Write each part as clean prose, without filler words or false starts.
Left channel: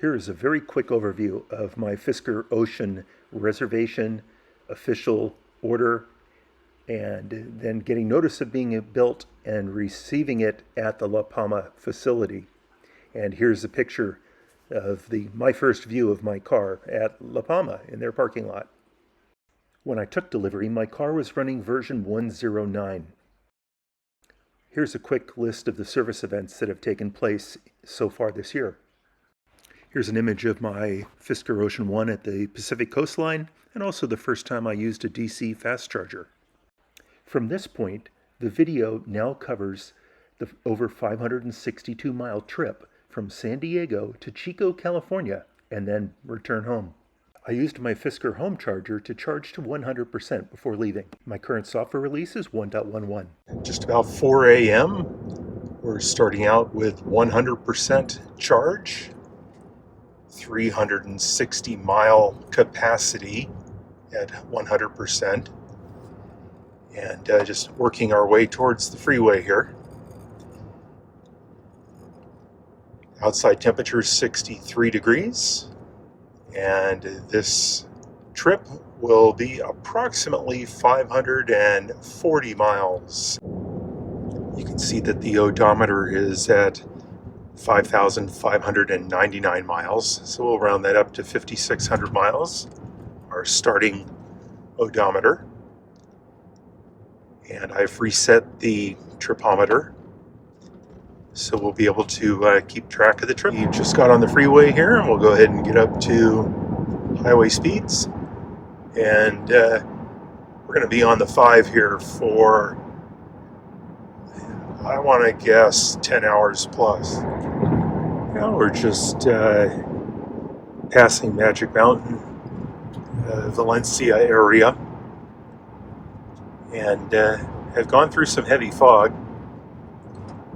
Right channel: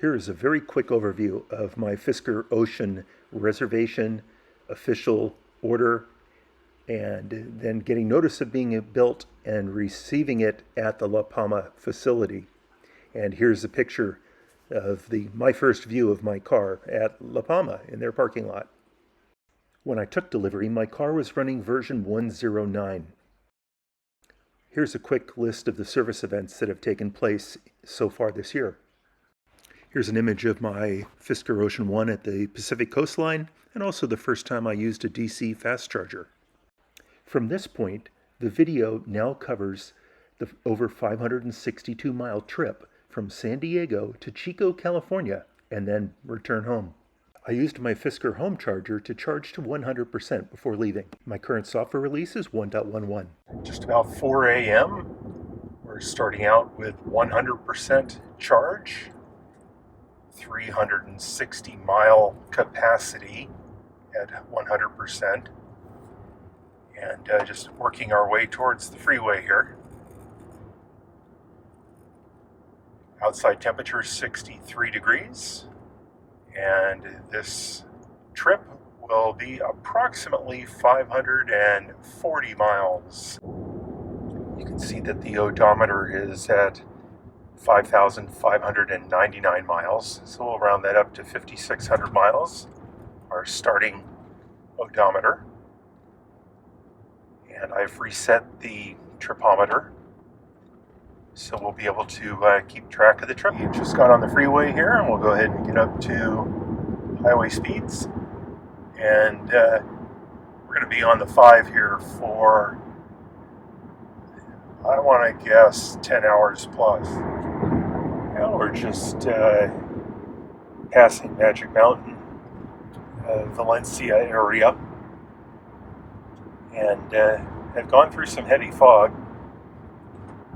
Here is a very quick overview of my Fisker Ocean reservation, official order, and then getting notice of being built and receiving it at the La Palma facility. And here's a picture of my first view of my car at La Palma in their parking lot. When I took delivery, my car was running version 109. Here's a quick list of the service events that have taken place so far this year. Here's an image of my Fisker Ocean One at the Pacific coastline, and also the first time I used a DC fast charger. From this point, the video now covers the over 562-mile trip from San Diego to Chico, California, and then return home. I used my Fisker home charger to charge to 100% before leaving. My current software release is 1.11. Just about 4 a.m. We're starting out with 100% charge. 360-mile capacity at 100%, and just working our way towards the freeway here. Outside temperature is 63 degrees, and this trip will be approximately 540 miles. You can see that the odometer is at 5,599 miles, so we'll round that up to 5,600 miles, our starting odometer. And I've reset the tripometer, so we'll be able to keep track of the trip. We just got on the freeway here, and we'll go ahead and get up to highway speeds. And we're going to be on the 5 here for, I want to guess, 10 hours plus. We're just passing Magic Mountain, Valencia area, and have gone through some heavy fog.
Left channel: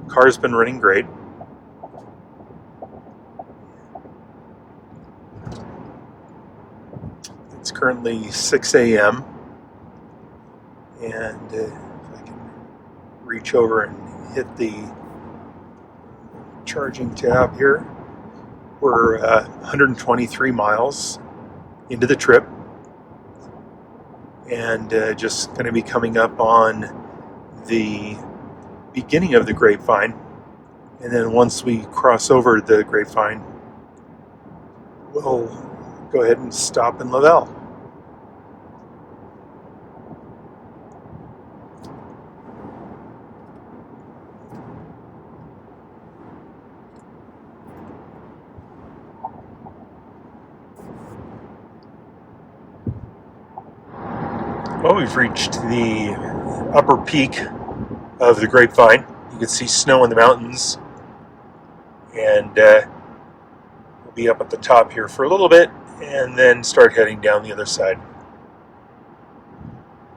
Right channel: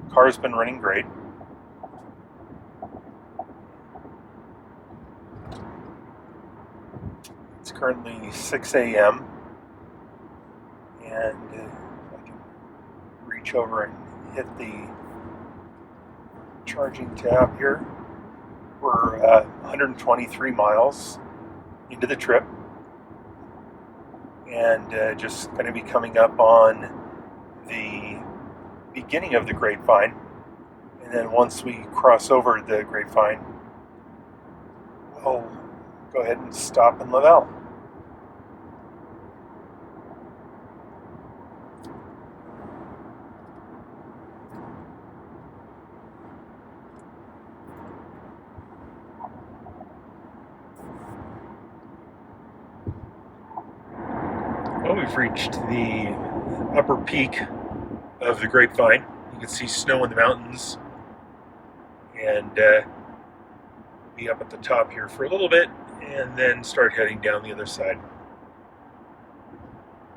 Car's been running great. It's currently 6 a.m. and if I can reach over and hit the charging tab here, we're 123 miles into the trip, and just going to be coming up on the beginning of the Grapevine, and then once we cross over the Grapevine, we'll go ahead and stop in Laval. Well, we've reached the upper peak of the Grapevine. You can see snow in the mountains, and we'll be up at the top here for a little bit and then start heading down the other side.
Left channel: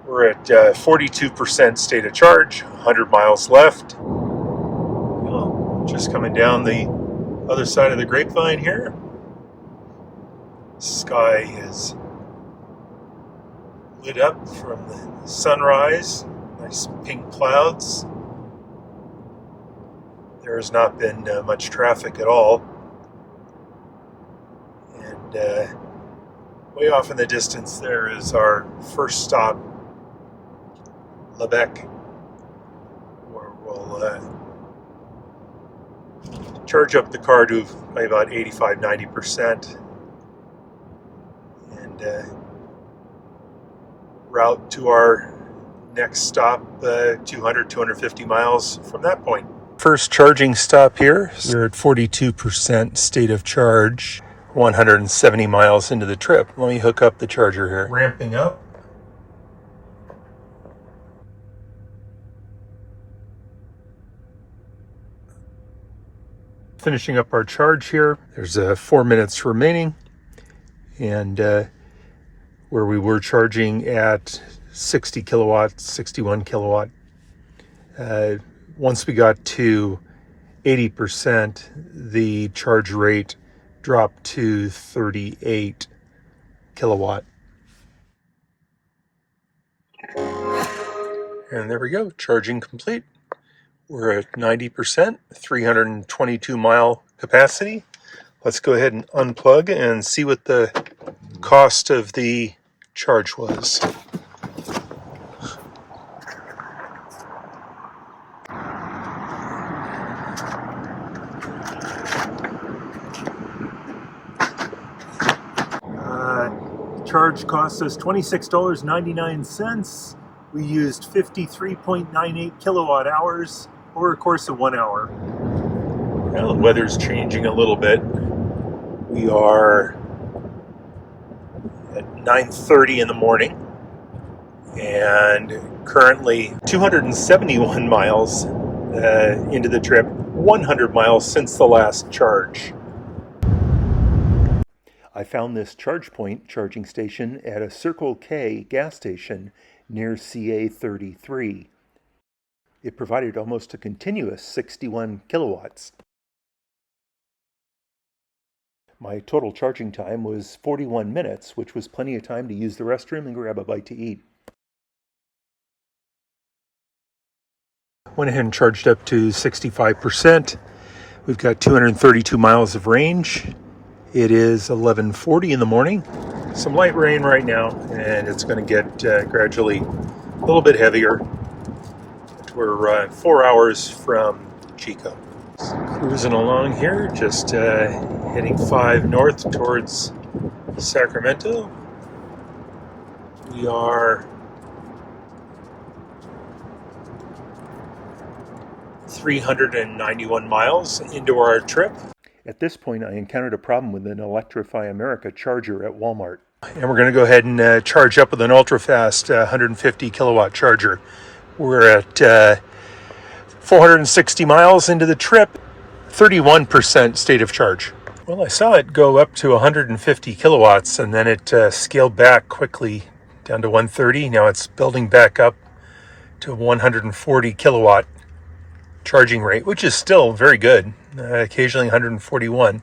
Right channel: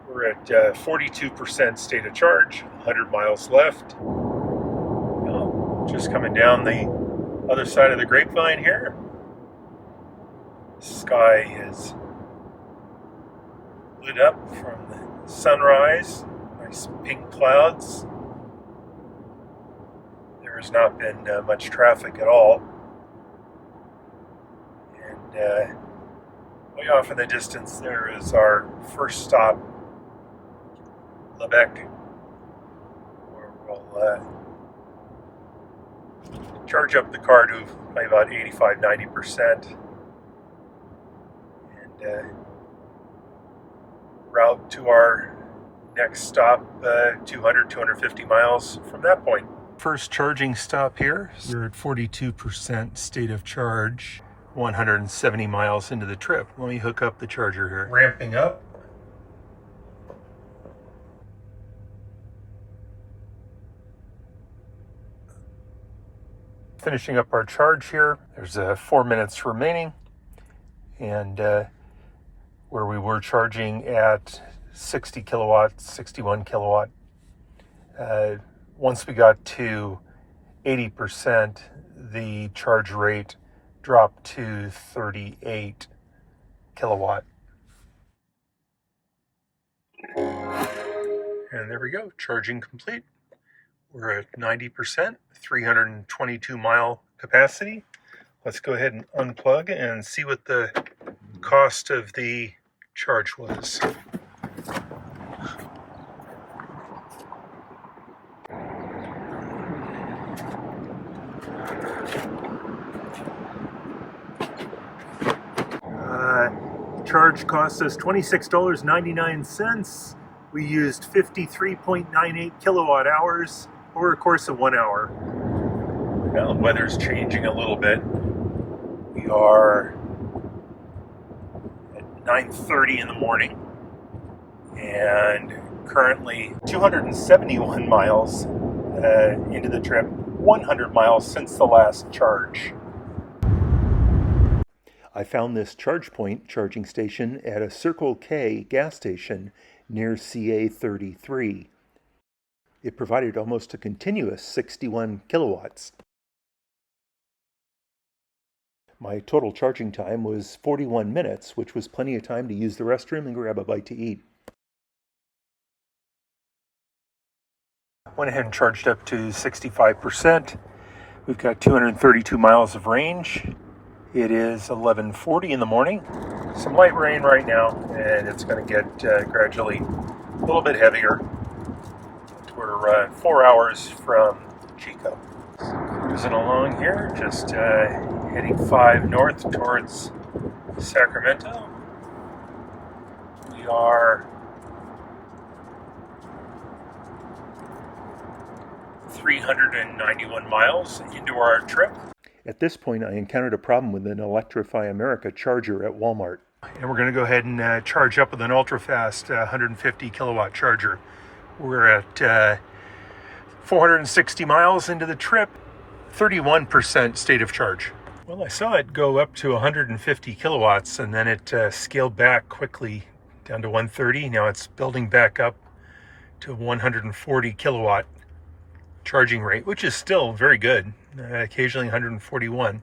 We're at 42% state of charge, 100 miles left. Just coming down the other side of the Grapevine here. Sky is lit up from the sunrise, nice pink clouds. There has not been much traffic at all, and way off in the distance there is our first stop, Lebec, where we'll charge up the car to about 85-90% and route to our next stop, 200-250 miles from that point. First charging stop here. We're at 42% state of charge, 170 miles into the trip. Let me hook up the charger here. Ramping up. Finishing up our charge here. There's 4 minutes remaining, and where we were charging at 60 kilowatts, 61 kilowatt. Once we got to 80%, the charge rate dropped to 38 kilowatt. And there we go, charging complete. We're at 90%, 322 mile capacity. Let's go ahead and unplug and see what the cost of the charge was. Charge cost us $26.99. We used 53.98 kilowatt hours over a course of 1 hour. Well, the weather's changing a little bit. We are at 9:30 in the morning and currently 271 miles into the trip, 100 miles since the last charge. I found this charge point charging station at a Circle K gas station near CA 33. It provided almost a continuous 61 kilowatts. My total charging time was 41 minutes, which was plenty of time to use the restroom and grab a bite to eat. Went ahead and charged up to 65%. We've got 232 miles of range. It is 11:40 in the morning. Some light rain right now, and it's going to get gradually a little bit heavier. We're 4 hours from Chico. Cruising along here, just heading 5 north towards Sacramento. We are 391 miles into our trip. At this point, I encountered a problem with an Electrify America charger at Walmart. And we're going to go ahead and charge up with an ultra-fast 150 kilowatt charger. We're at 460 miles into the trip, 31% state of charge. Well, I saw it go up to 150 kilowatts, and then it scaled back quickly down to 130. Now it's building back up to 140 kilowatt charging rate, which is still very good, occasionally 141.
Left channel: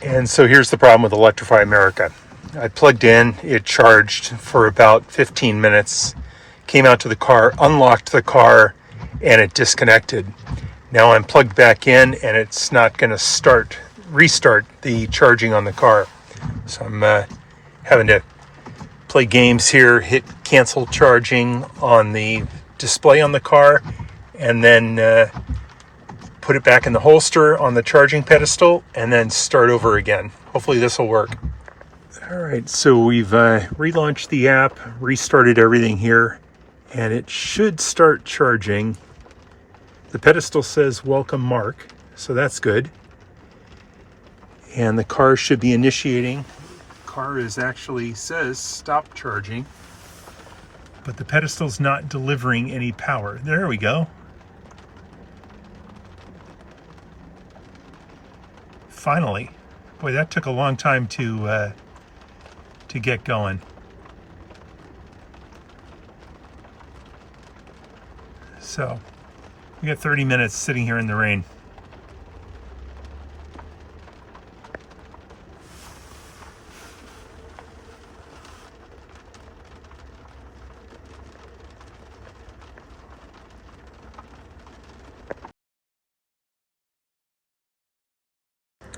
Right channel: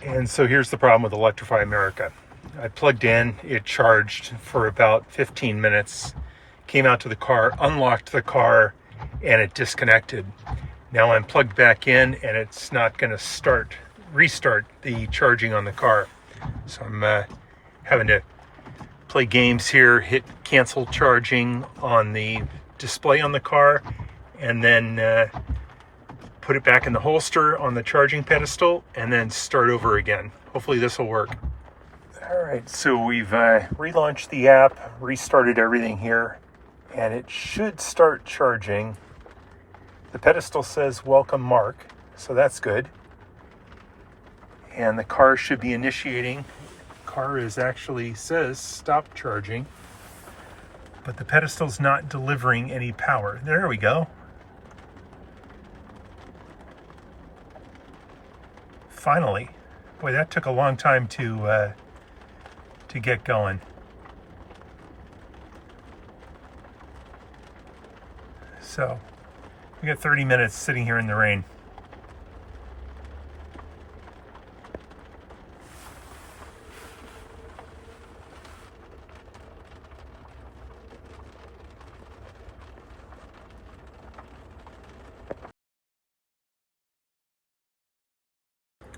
And so here's the problem with Electrify America. I plugged in, it charged for about 15 minutes, came out to the car, unlocked the car, and it disconnected. Now I'm plugged back in and it's not going to restart the charging on the car. So I'm having to play games here, hit cancel charging on the display on the car, and then put it back in the holster on the charging pedestal, and then start over again. Hopefully this will work. All right, so we've relaunched the app, restarted everything here, and it should start charging. The pedestal says welcome Mark, so that's good. And the car should be initiating. Car actually says stop charging, but the pedestal's not delivering any power. There we go. Finally. Boy, that took a long time to get going. So we got 30 minutes sitting here in the rain.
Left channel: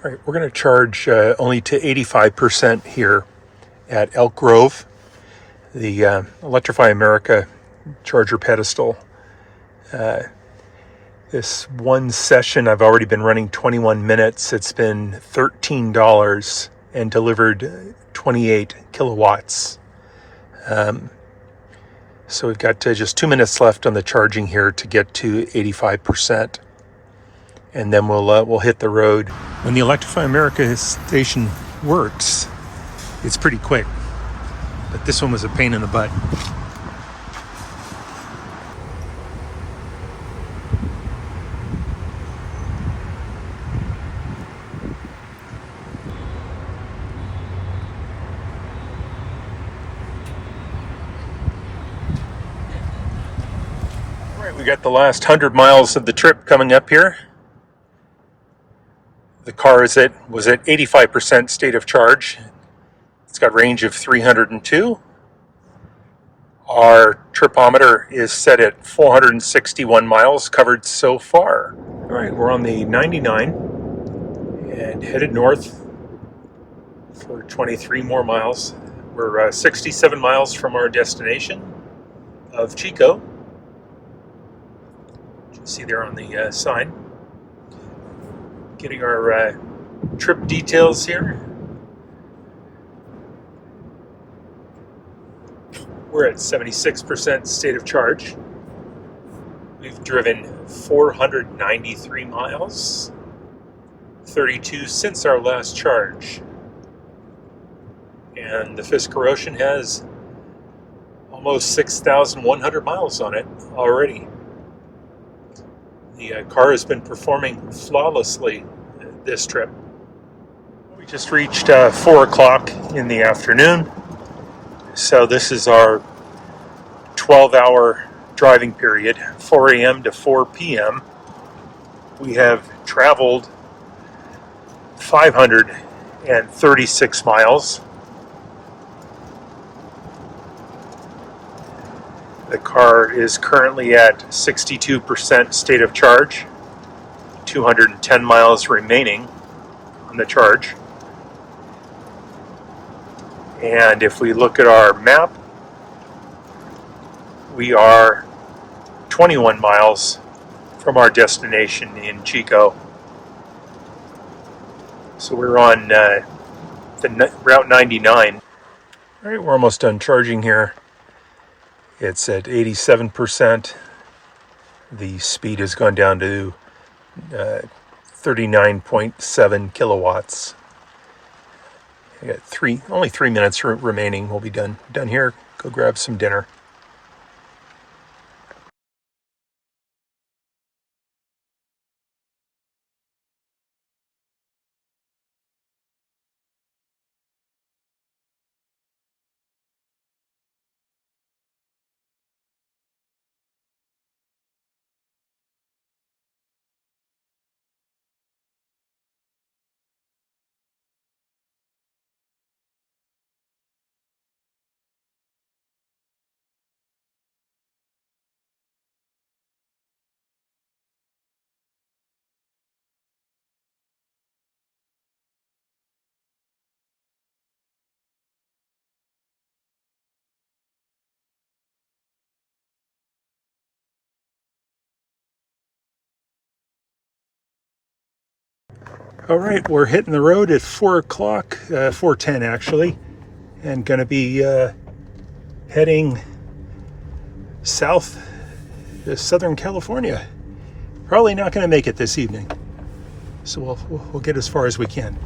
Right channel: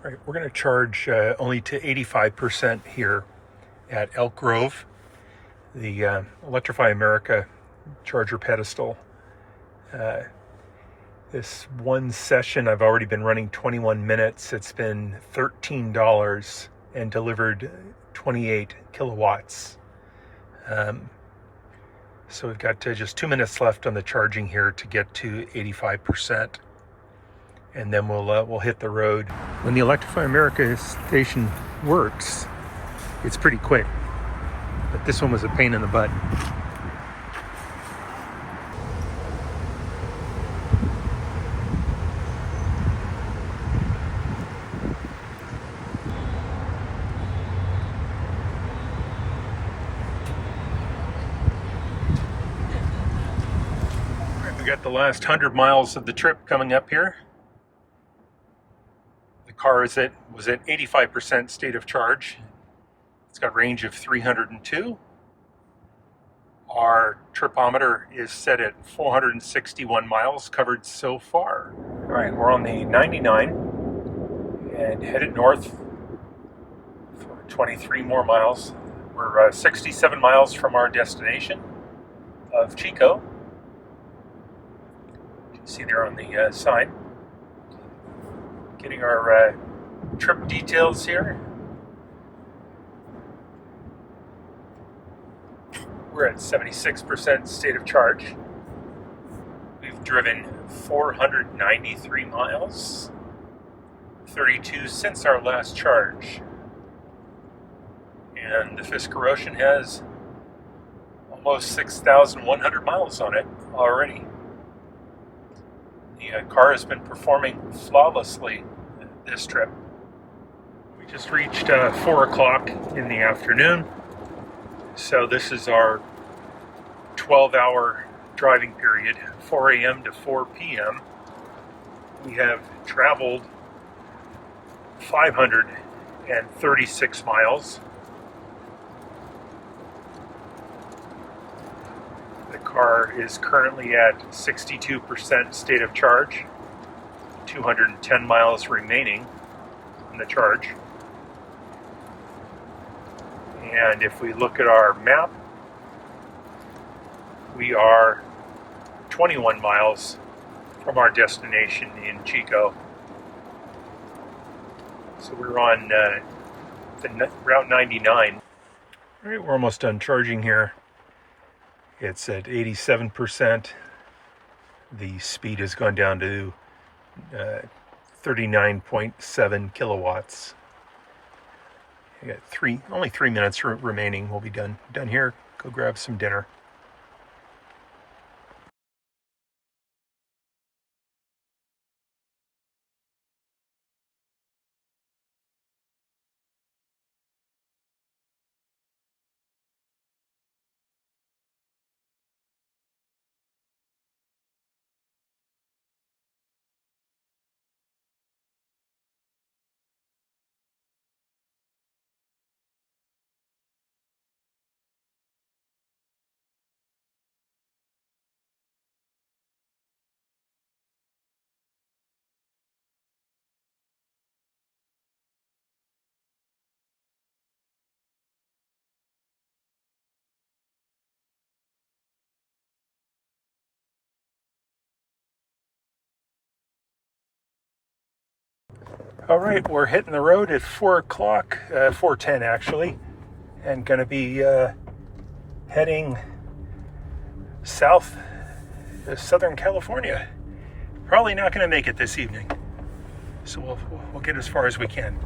All right, we're going to charge only to 85% here at Elk Grove, the Electrify America charger pedestal. This one session, I've already been running 21 minutes. It's been $13 and delivered 28 kilowatts. So we've got just 2 minutes left on the charging here to get to 85%. And then we'll hit the road. When the Electrify America station works, it's pretty quick. But this one was a pain in the butt. We got the last 100 miles of the trip coming up here. The car was at 85% state of charge. It's got range of 302. Our tripometer is set at 461 miles covered so far. All right, we're on the 99 and headed north for 23 more miles. We're 67 miles from our destination of Chico. You can see there on the sign. Getting our trip details here. We're at 76% state of charge. We've driven 493 miles, 32 since our last charge. And the Fisker Ocean has almost 6,100 miles on it already. The car has been performing flawlessly this trip. We just reached 4 o'clock in the afternoon. So this is our 12-hour driving period, 4 a.m. to 4 p.m. We have traveled 536 miles. The car is currently at 62% state of charge, 210 miles remaining on the charge. And if we look at our map, we are 21 miles from our destination in Chico. So we're on Route 99. All right, we're almost done charging here. It's at 87%. The speed has gone down to 39.7 kilowatts. I got only 3 minutes remaining. We'll be done here. Go grab some dinner. All right, we're hitting the road at 4 o'clock, 4:10 actually, and going to be heading south to Southern California. Probably not going to make it this evening, so we'll get as far as we can.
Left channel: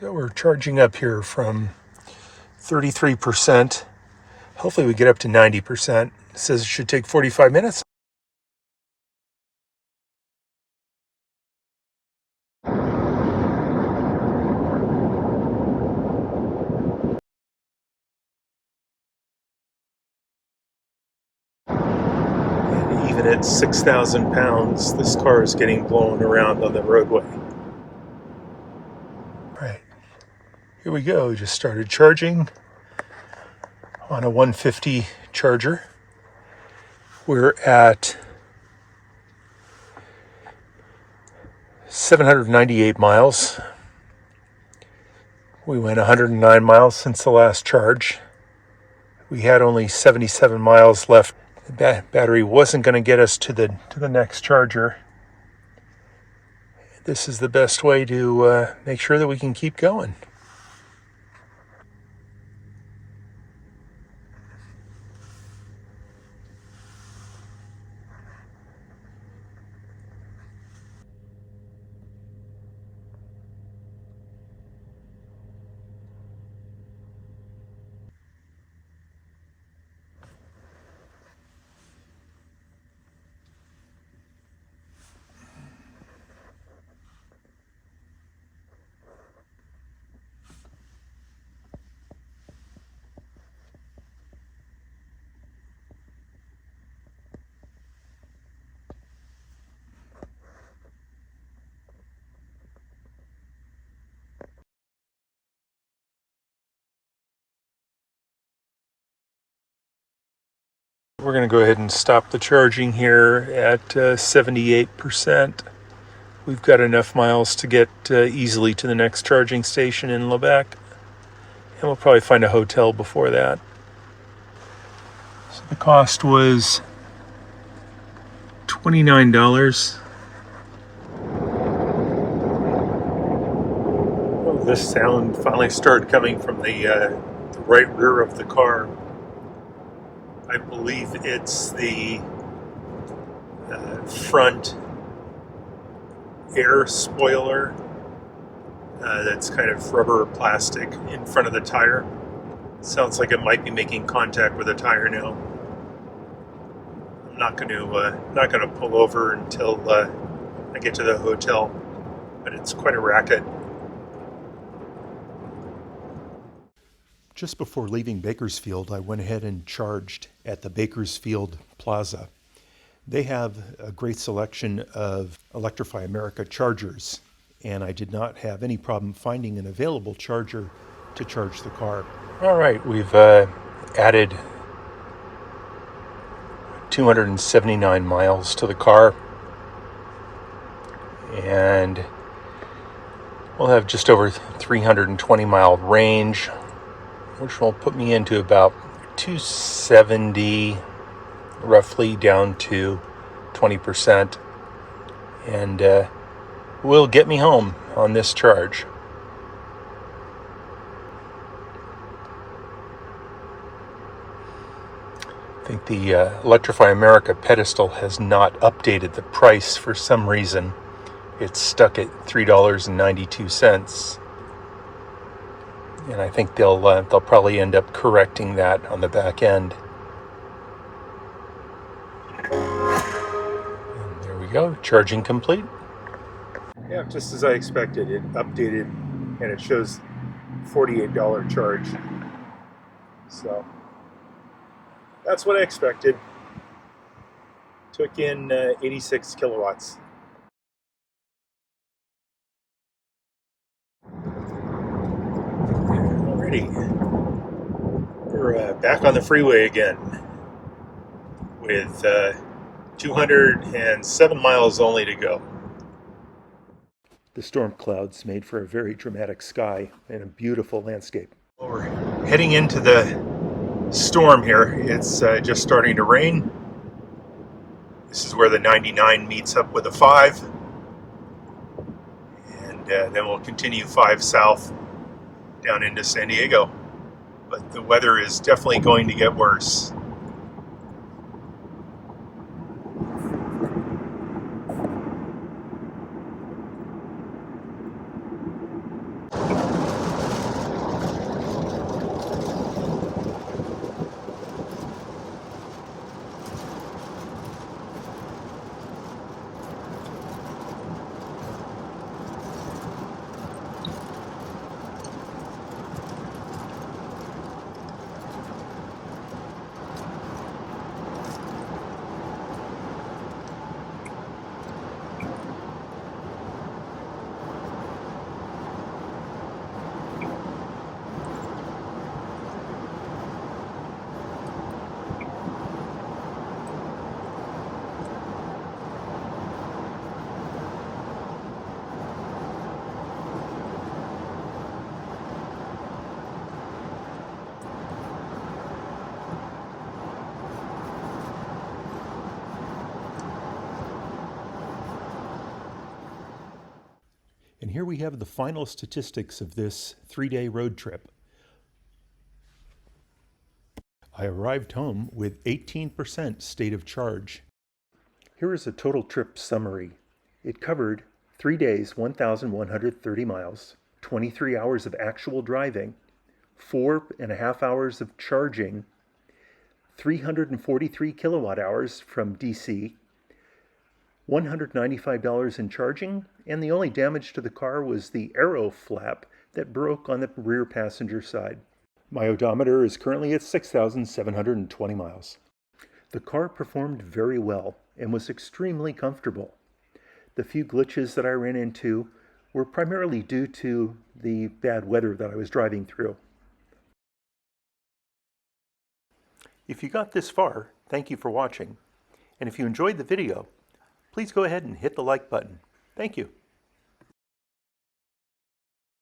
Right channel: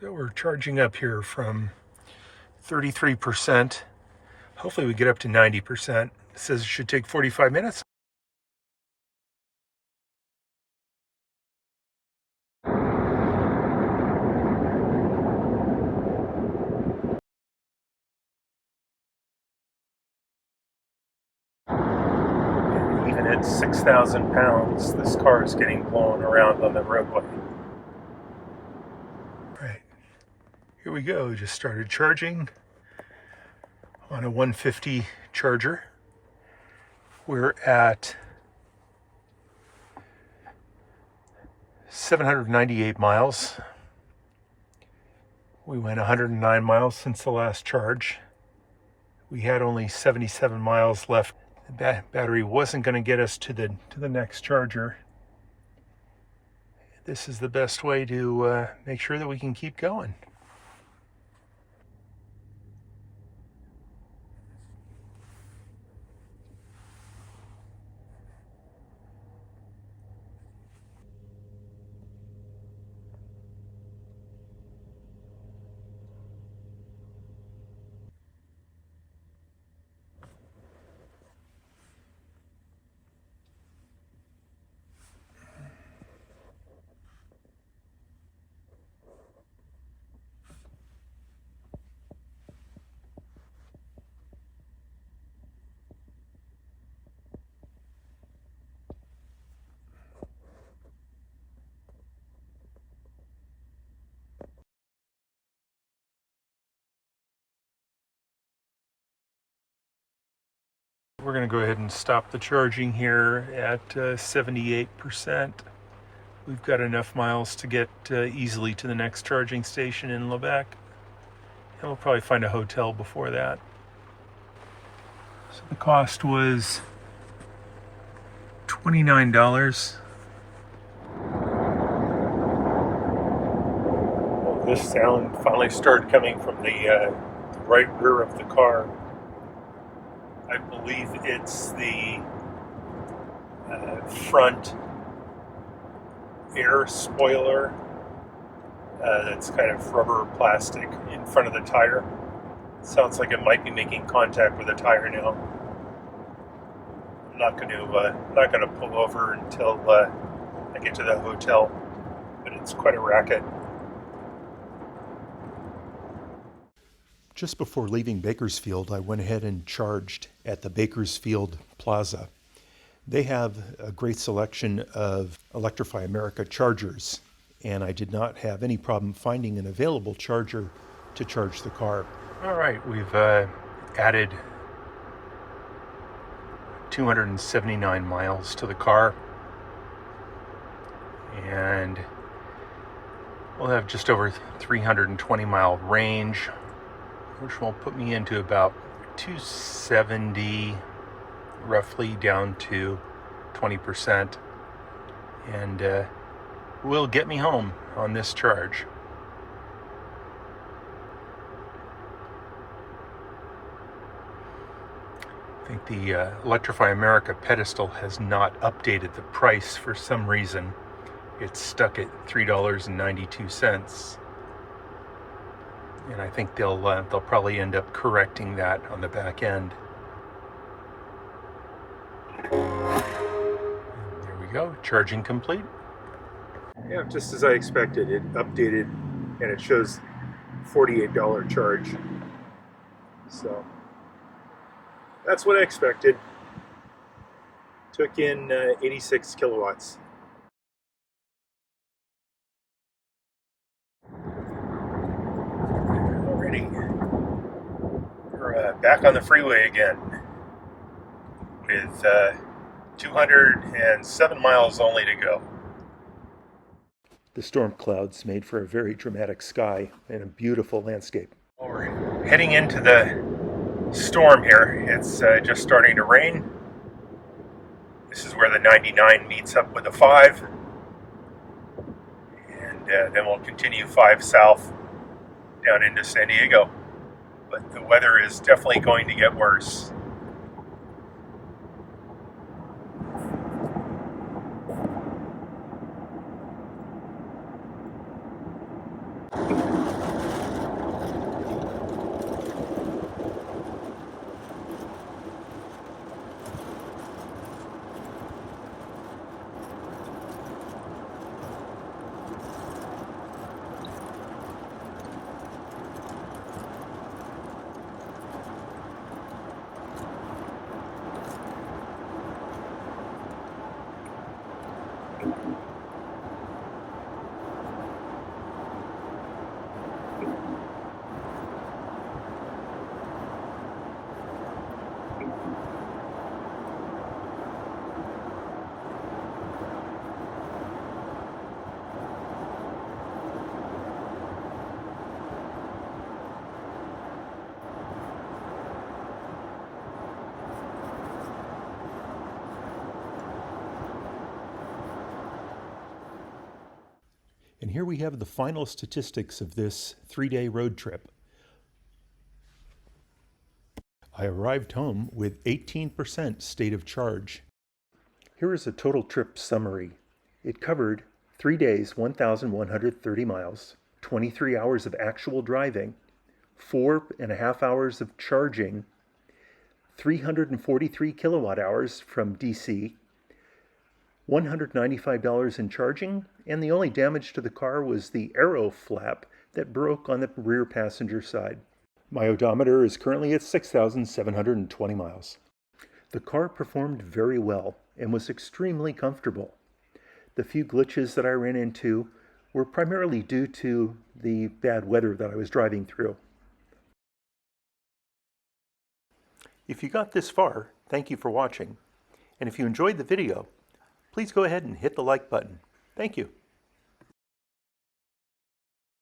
So we're charging up here from 33%. Hopefully we get up to 90%. It says it should take 45 minutes. And even at 6,000 pounds, this car is getting blown around on the roadway. Here we go, just started charging on a 150 charger. We're at 798 miles. We went 109 miles since the last charge. We had only 77 miles left. The battery wasn't going to get us to the next charger. this is the best way to make sure that we can keep going. We're going to go ahead and stop the charging here at 78%. We've got enough miles to get easily to the next charging station in Lebec. And we'll probably find a hotel before that. So the cost was $29. This sound finally started coming from the right rear of the car. I believe it's the front air spoiler that's kind of rubber plastic in front of the tire. Sounds like it might be making contact with the tire now. I'm not going to pull over until I get to the hotel, but it's quite a racket. Just before leaving Bakersfield, I went ahead and charged at the Bakersfield Plaza. They have a great selection of Electrify America chargers, and I did not have any problem finding an available charger to charge the car. All right, we've added 279 miles to the car, and we'll have just over 320 mile range, which will put me into about 270, roughly down to 20%, and will get me home on this charge. I think the Electrify America pedestal has not updated the price for some reason. It's stuck at $3.92. And I think they'll probably end up correcting that on the back end. And there we go, charging complete. Yeah, just as I expected, it updated and it shows $48 charge. So that's what I expected. Took in 86 kilowatts. We're back on the freeway again with 207 miles only to go. The storm clouds made for a very dramatic sky and a beautiful landscape. Well, we're heading into the storm here. It's just starting to rain. This is where the 99 meets up with the 5. And then we'll continue 5 south down into San Diego. But the weather is definitely going to get worse. And here we have the final statistics of this 3-day road trip. I arrived home with 18% state of charge. Here is a total trip summary. It covered 3 days, 1,130 miles, 23 hours of actual driving, 4.5 hours of charging, 343 kilowatt hours from DC, $195 in charging, and the only damage to the car was the aero flap that broke on the rear passenger side. My odometer is currently at 6,720 miles. The car performed very well and was extremely comfortable. The few glitches that I ran into were primarily due to the bad weather that I was driving through. If you got this far, thank you for watching. And if you enjoyed the video, please go ahead and hit the like button. Thank you.